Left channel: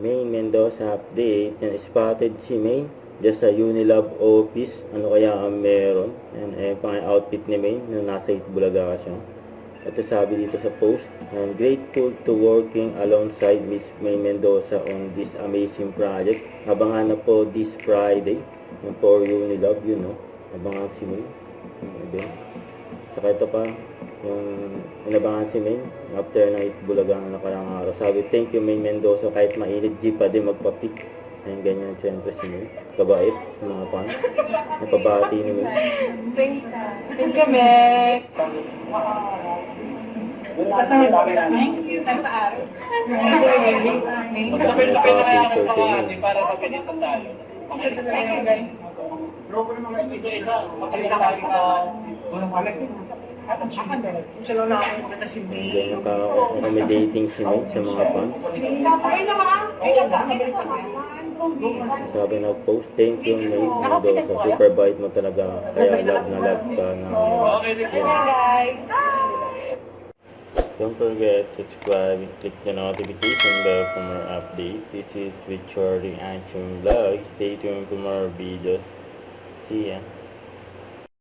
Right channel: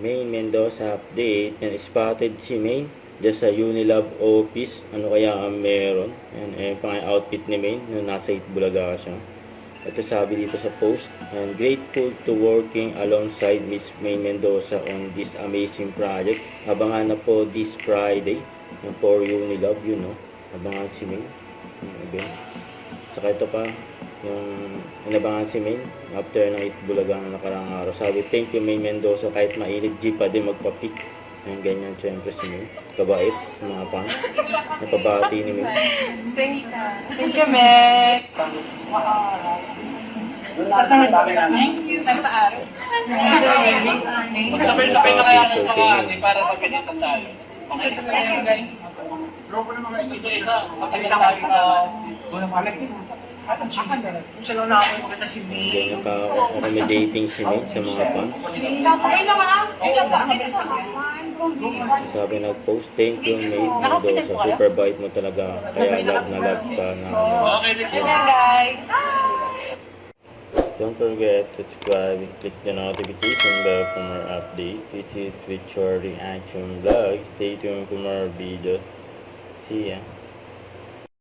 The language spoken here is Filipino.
Maine Mendoza update. Yan, spotted si Maine dyan sa Unilab office. Ano kaya ang meron? Yan, pang outfit ni Maine nung nasa Itbulaga siya. Ito sabi dito sa post. And grateful to working alongside Miss Maine Mendoza on this amazing project. Abangan na po this Friday. Yan, for Unilab, yun, no? Abangan si Maine. Okay. Saka ito pa, yung inabangan si Maine after na Itbulaga ng nakarang araw. Sabi, thank you Maine Mendoza, kahit mainit, G pa din magpa-pick. Yung ganyan, siyempre si Maine. Kabait sa mga fans. Napabati ni Maine. Thank you, Mek. Thank you, Santa Ari. Napaka-picture kay Maine. Para sa ganito tayo. Ang ganda na yung guys. Loko naman kayo isa. Makita ka. Walang Alex. At ang chicken na. Kung sila na ako makita si May. Ganyan ka-accommodating si Maine sa mga fans. Okay naman. Sabi nag-post, thank you Maine Mendoza. Super bait mo talaga. Kaya love na love ka namin. Okay, guys. Don't forget to subscribe and click the notification bell for more updates. This is Richard Reaction Vlog. Stay tuned for more videos. See ya.